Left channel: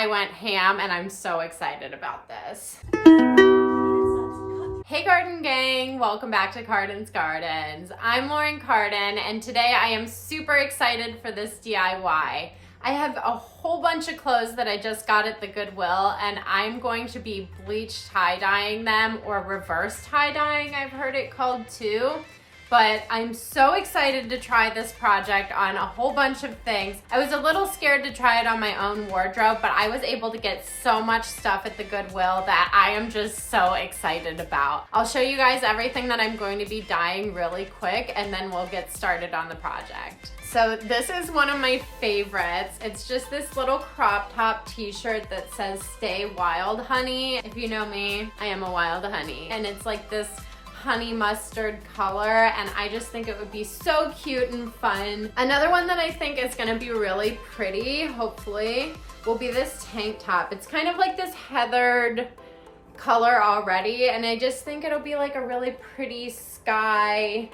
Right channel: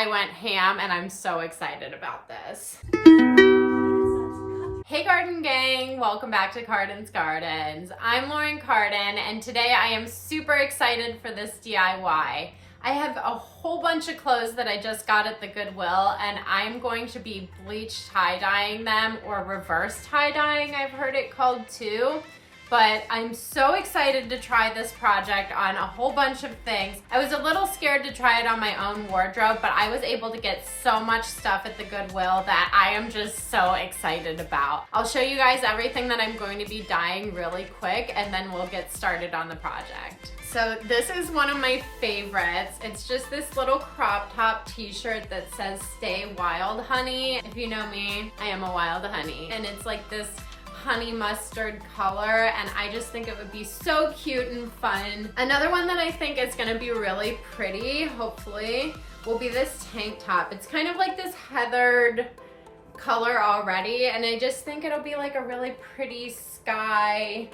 I went ham and I'm so excited about this. Hey Garden Gang, welcome back to Cardens. I'm Lauren Carden and today I am super excited for this DIY. I have a whole bunch of clothes that I just got at the Goodwill and I'm going to be bleach tie-dyeing them, or reverse tie-dyeing I've heard it called too. But I'm so excited to try this project on a whole bunch of things. I was a little scared to try it on my own wardrobe, but I was able to get so much stuff at the Goodwill that I am just so excited about. I'll show you guys everything that I'm going to be dyeing really quick and then we'll get started on the project. So this is one of my favorites. It's just this little crop top t-shirt that says "Stay Wild Honey." If you know me, I am a wild honey. And it's like this honey mustard color, and I just think it would be so cute and fun. Another one that I think is gonna be really pretty, hopefully, will be this tank top. It's kind of like this heathered color already, and I just think it'll be like a really pretty sky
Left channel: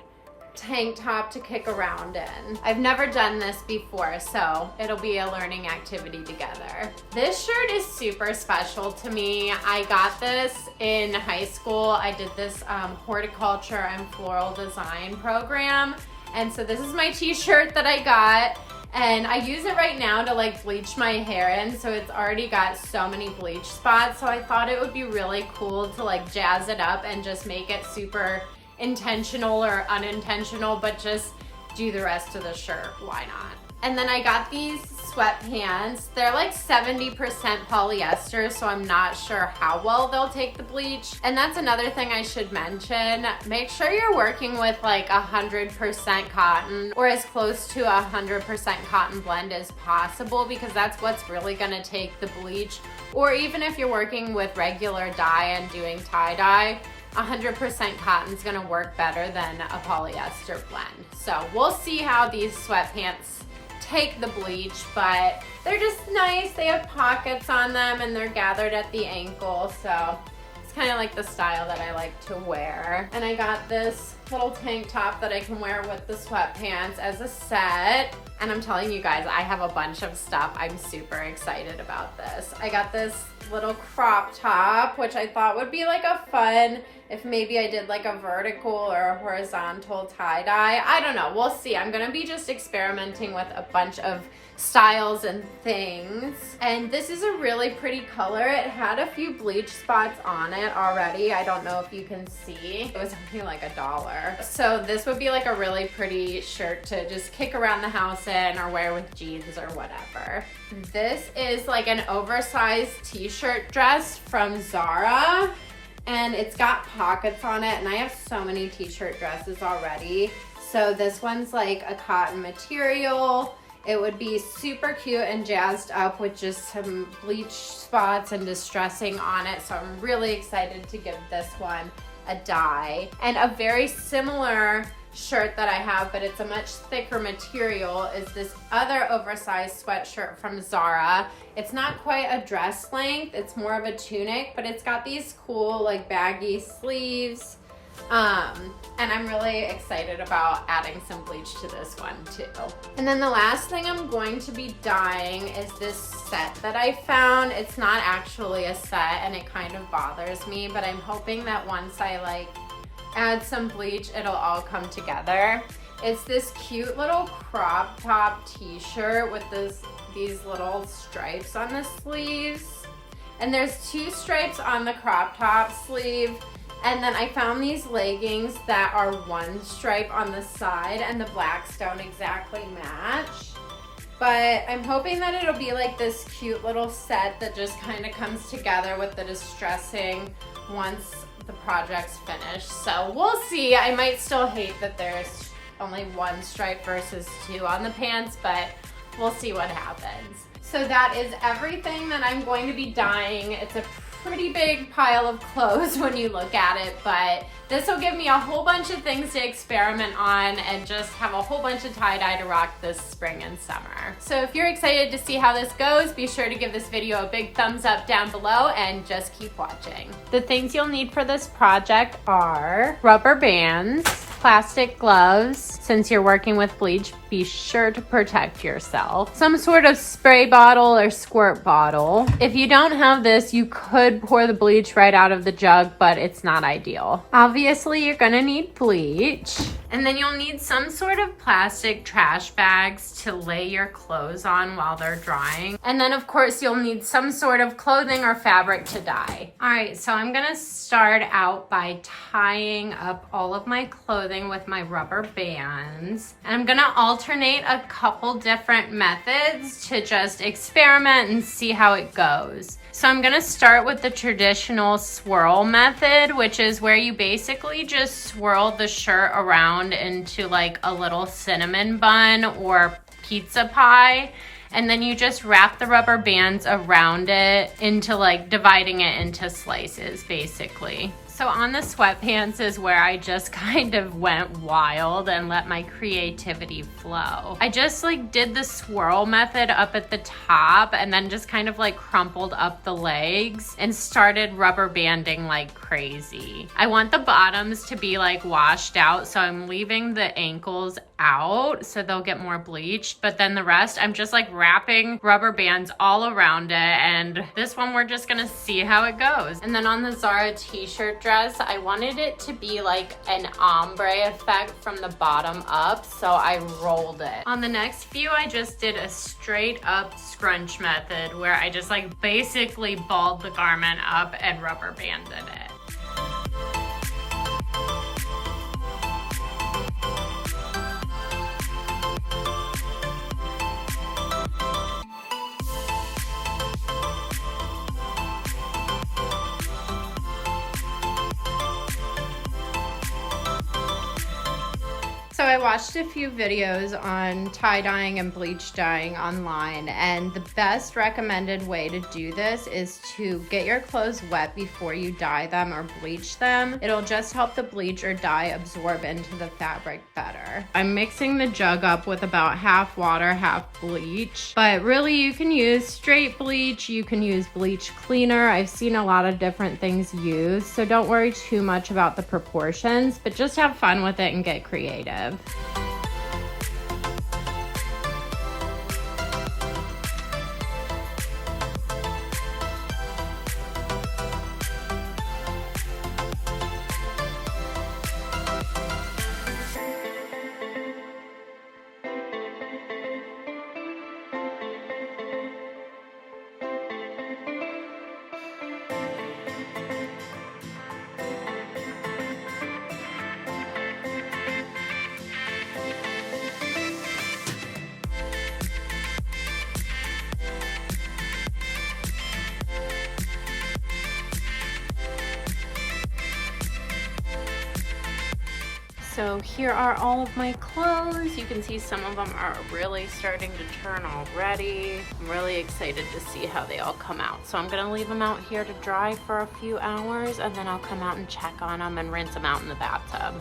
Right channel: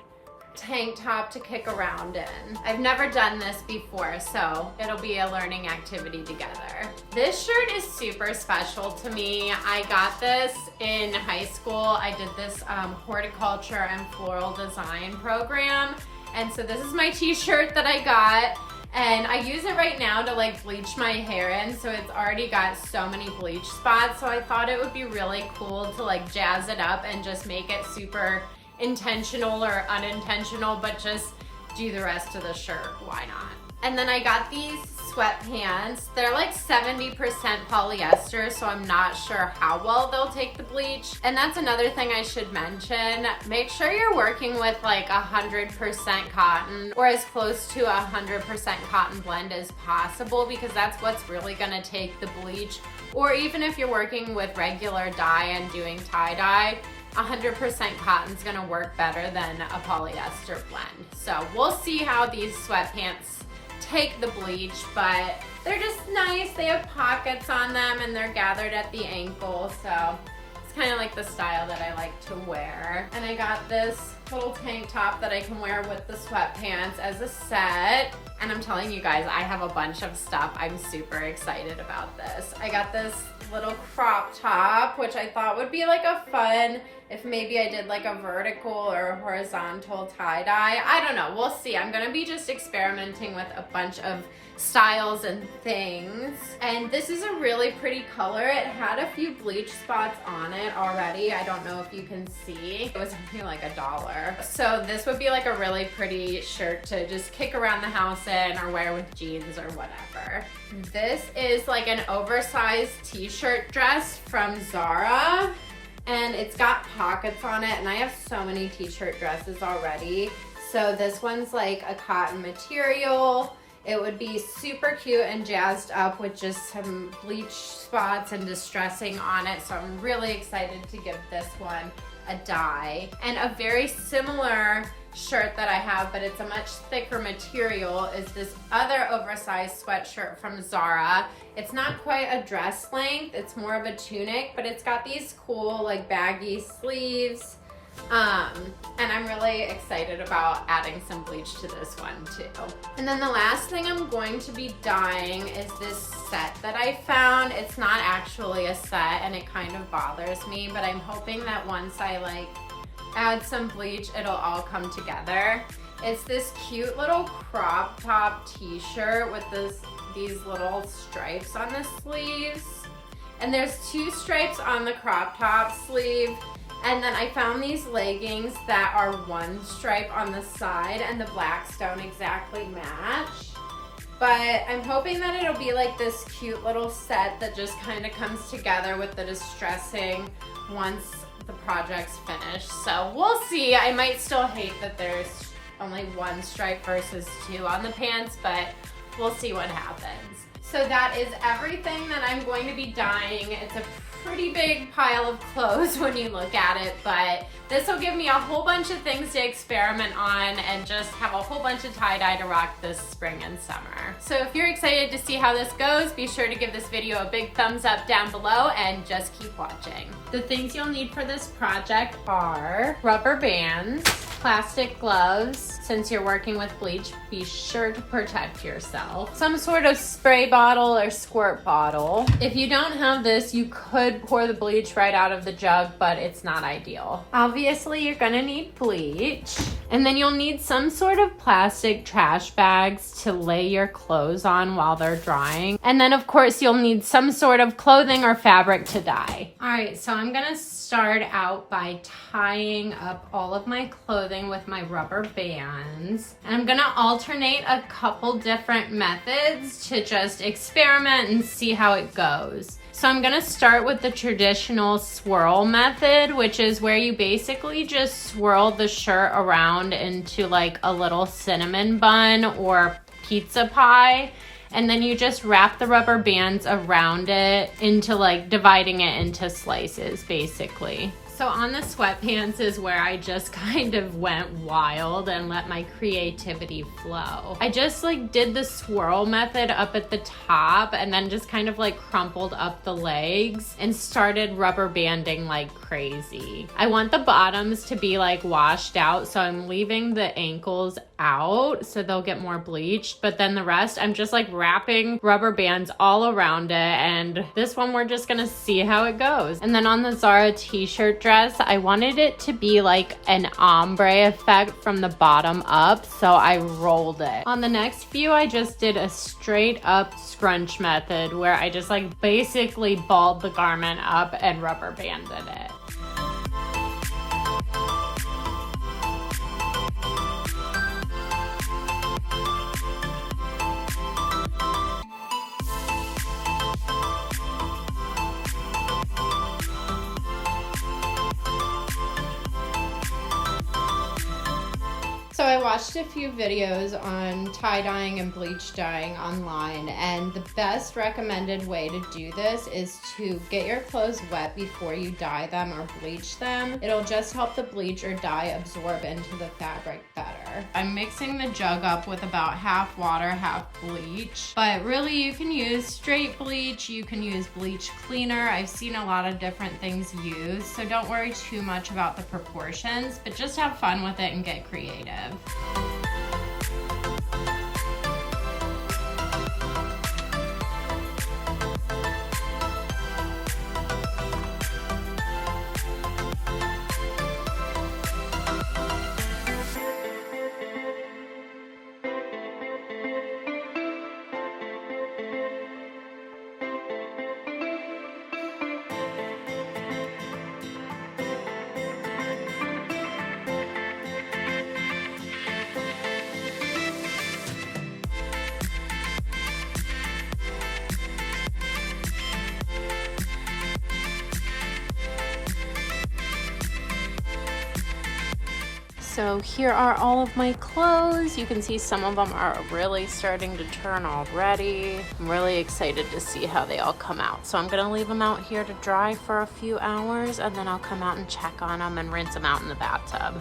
tank top to kick around in. I've never done this before, so it'll be a learning activity together. This shirt is super special to me. I got this in high school. I did this horticulture and floral design program, and so this is my t-shirt that I got, and I use it right now to like bleach my hair in, so it's already got so many bleach spots, so I thought it would be really cool to like jazz it up and just make it super intentional or unintentional, but just do the rest of the shirt, why not? And then I got these sweatpants. They're like 70% polyester, so I'm not sure how well they'll take the bleach. And that's another thing I should mention. Make sure you're working with like 100% cotton, or as close to 100% cotton blend as possible, because that's what's really gonna take the bleach. Or even if you're working with regular dye and doing tie-dye, 100% cotton is gonna work better than a polyester blend. So we'll see how these sweatpants take the bleach, but they're just nice. They have pockets on them and they're gathered at the ankle, so it's kind of like the style that I like to wear. And I got this little tank top that I can wear with the sweatpants as a set. And I'm telling you guys, I have a bunch of stuff. I'm super excited about this. I got this little crop top, which I thought would be like a fun, if maybe I did like a vertical or a horizontal tie-dye. I don't know, we'll see. I'm gonna be just experimenting with a bunch of styles and things. And this is a really pretty color. It had a few bleach spots on it already. I don't know if you can see. It was only like $1. So this would be like a really pretty shirt to just kick around the house in or wear with jeans or whatever. This is like an oversized t-shirt dress from Zara, and it's got pockets on it, and I have so many t-shirt dresses already. So this one's like a cotton material. It would be super cute and jazzed up with just some bleach spots and distressing on it. So I'm really excited to give this one a dye. And a very similar shirt that I have, but it's a much thicker material, is this other oversized sweatshirt from Zara. It's not quite a dress length, it's more of a tunic, but it's got these cool like baggy sleeves. And I'm really excited about adding some bleach to this one too. And then the last thing I'm going to be dyeing is this set that I found. It's not actually a set and it kind of bothers me, but I'm hoping that once I like add some bleach, it'll all come together. It's this cute little crop top t-shirt with these little stripes on the sleeves. And there's 2 stripes on the crop top sleeve. And then I found these leggings that are 1 stripe on the side, and the blacks don't exactly match. But I'm hoping that it'll be like this cute little set that just kind of comes together with the distressing once the project's finished. So we'll see. I might still hate that there's only 1 stripe versus 2 on the pants, but we'll see what happens. So that is everything that I'm going to be dyeing. It's a pretty big pile of clothes when you look at it, but this will give me a whole bunch of things to experiment on and just have a whole bunch of tie-dye to rock this spring and summer. So if you're excited to see how this goes, be sure to give this video a big thumbs up down below and just keep watching. The things you'll need for this project are rubber bands, plastic gloves. Since you're working with bleach, be sure to protect yourself. Some sort of spray bottle or squirt bottle. If you don't have this, you could pour the bleach right out of the jug, but it's not ideal. Obviously, you're gonna need bleach. And then you'll need some sort of plastic trash bags to lay your clothes on while they're drying. And then of course, you'll need some sort of clothing or fabric to dye. All right, so I'm gonna start out by tying up all of my clothing with my rubber bands. And I'm gonna alternate a couple different methods to just experiment and see how it goes. So I'm gonna start with the traditional swirl method, which is where you basically just swirl the shirt around into like a little cinnamon bun or pizza pie. And then you just wrap the rubber bands around it into like dividing it into slices, basically. So on the sweatpants is where I just kind of went wild and let my creativity flow. I just like did the swirl method up at the top and then just kind of like crumpled up the legs and started rubber banding like crazy. I want the bottoms to be like washed out, so I'm leaving the ankles out so they'll get more bleached, but then the rest I'm just like wrapping rubber bands all around it, and this one we're just gonna see how it goes. And then on the Zara t-shirt dress, I wanted it to be like an ombre effect from the bottom up, so I rolled it. On the next few, I just did a straight up scrunch method where I just like basically balled the garment up and rubber banded it. So I watched a few videos on tie-dyeing and bleach dyeing online, and the best recommended way to do this is to get your clothes wet before you dye them or bleach them. It'll just help the bleach or dye absorb into the fabric better. I'm mixing the jug up with about half water, half bleach, but really you can use straight bleach, you can use bleach cleaner. I've seen a lot of different things used, so don't worry too much about the proportions, but just have fun with it and get creative. So here are all of my clothes. You can see some of them are really starting to turn already. I'm really excited to see how they all come out. So I'm gonna leave them out here to dry for a few hours, and then I'll come out and check on them and rinse them out in the bathtub.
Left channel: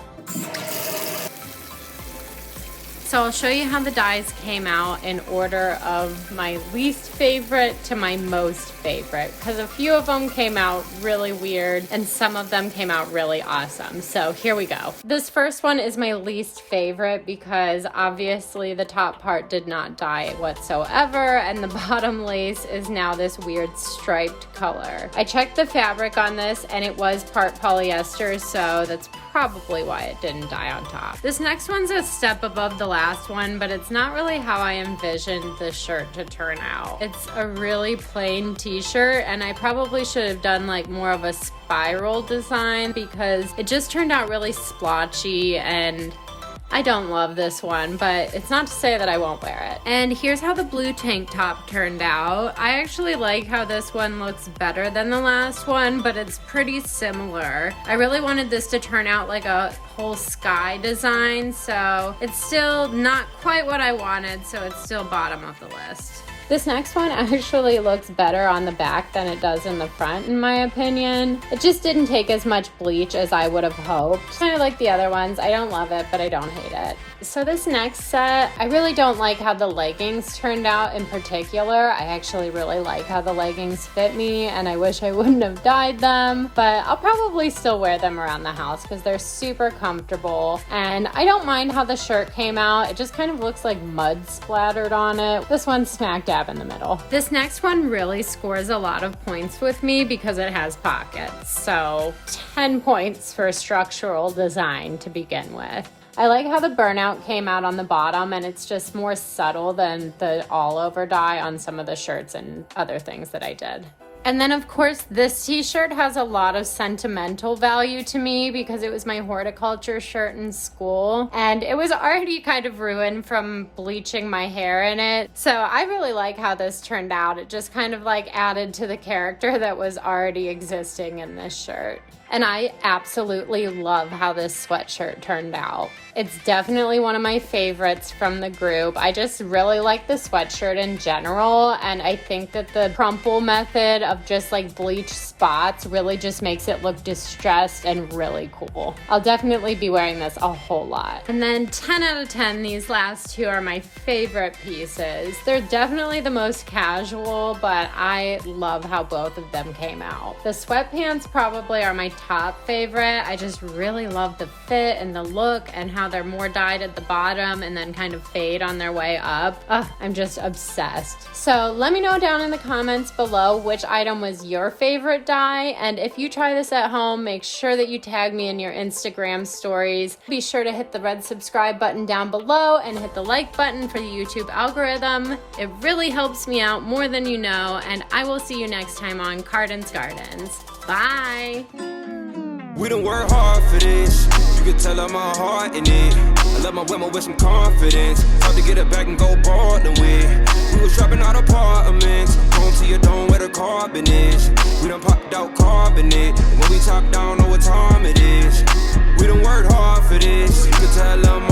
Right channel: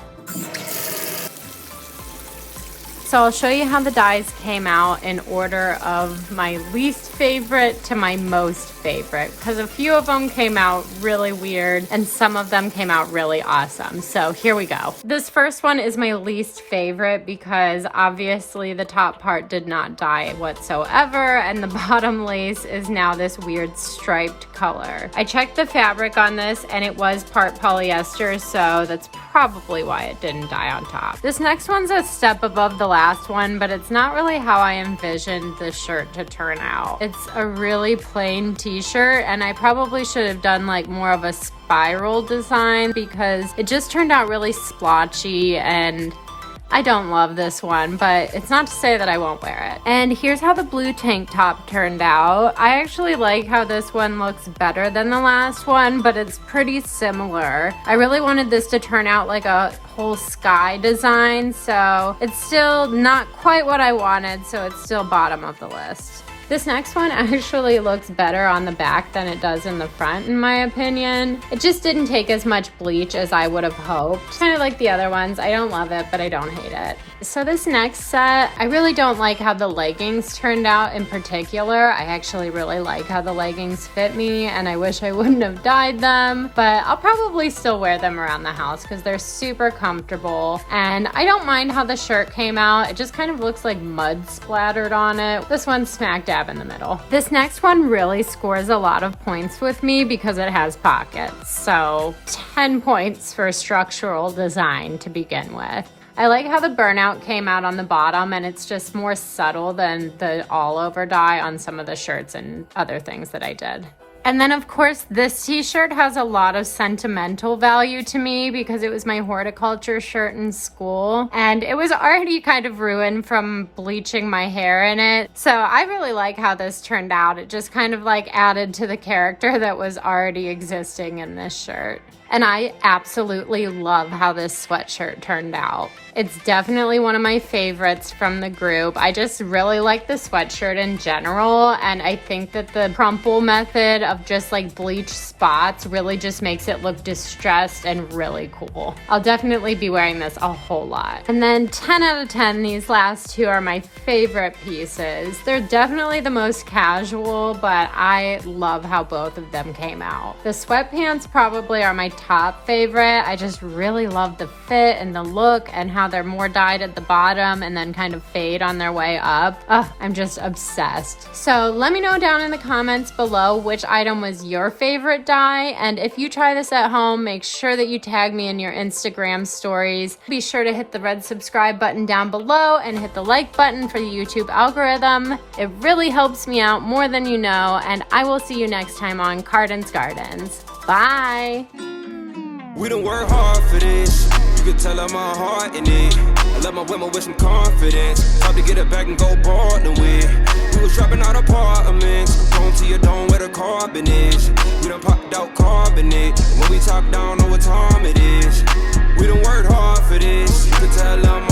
So I'll show you how the dyes came out in order of my least favorite to my most favorite, because a few of them came out really weird and some of them came out really awesome. So here we go. This first one is my least favorite because obviously the top part did not dye whatsoever and the bottom lace is now this weird striped color. I checked the fabric on this and it was part polyester, so that's probably why it didn't dye on top. This next one's a step above the last one, but it's not really how I envisioned the shirt to turn out. It's a really plain t-shirt and I probably should have done like more of a spiral design because it just turned out really splotchy and I don't love this one, but it's not to say that I won't wear it. And here's how the blue tank top turned out. I actually like how this one looks better than the last one, but it's pretty similar. I really wanted this to turn out like a whole sky design, so it's still not quite what I wanted, so it's still bottom of the list. This next one actually looks better on the back than it does in the front, in my opinion. It just didn't take as much bleach as I would have hoped. Kind of like the other ones. I don't love it, but I don't hate it. So this next set, I really don't like how the leggings turned out in particular. I actually really like how the leggings fit me, and I wish I wouldn't have dyed them, but I'll probably still wear them around the house because they're super comfortable. And I don't mind how the shirt came out. It just kind of looks like mud splattered on it. This one's smack dab in the middle. This next one really scores a lot of points with me because it has pockets. So 10 points for structural design to begin with. I like how the burnout came out on the bottom, and it's just more subtle than the all over dye on some of the shirts and other things that I did. And then of course this t-shirt has a lot of sentimental value to me because it was my horticulture shirt in school, and it was already kind of ruined from bleaching my hair in it. So I really like how this turned out. It just kind of like added to the character that was already existing in this shirt. And I absolutely love how this sweatshirt turned out. It's definitely one of my favorites from the group. I just really like the sweatshirt in general, and I think that the crumple method of just like bleach spots really just makes it look distressed and really cool. I'll definitely be wearing this a whole lot. And then 10 out of 10, these last two are my favorite pieces. They're definitely the most casual, but I love how both of them came out. The sweatpants probably are my top favorite. I just really love the fit and the look and how they're more dyed at the bottom and then kind of fade on their way up. I'm just obsessed. So let me know down in the comments below which item was your favorite dye, and if you try this at home, make sure that you tag me in your Instagram stories. Be sure to hit the red subscribe button down below and hit the like button for the YouTube algorithm. It really helps me out more than you know, and I will see you next time on Cardens Gardens. Bye! We done work hard for this. You can tell I'm my heart in it. I love my women with some confidence. Hard to get it back and go ballin' with. We was dropping out apartments. Home to your dome where the carbon is. We done popped out carbonate. And when we top down, know what time it is. We done worked hard for this. You can tell I'm my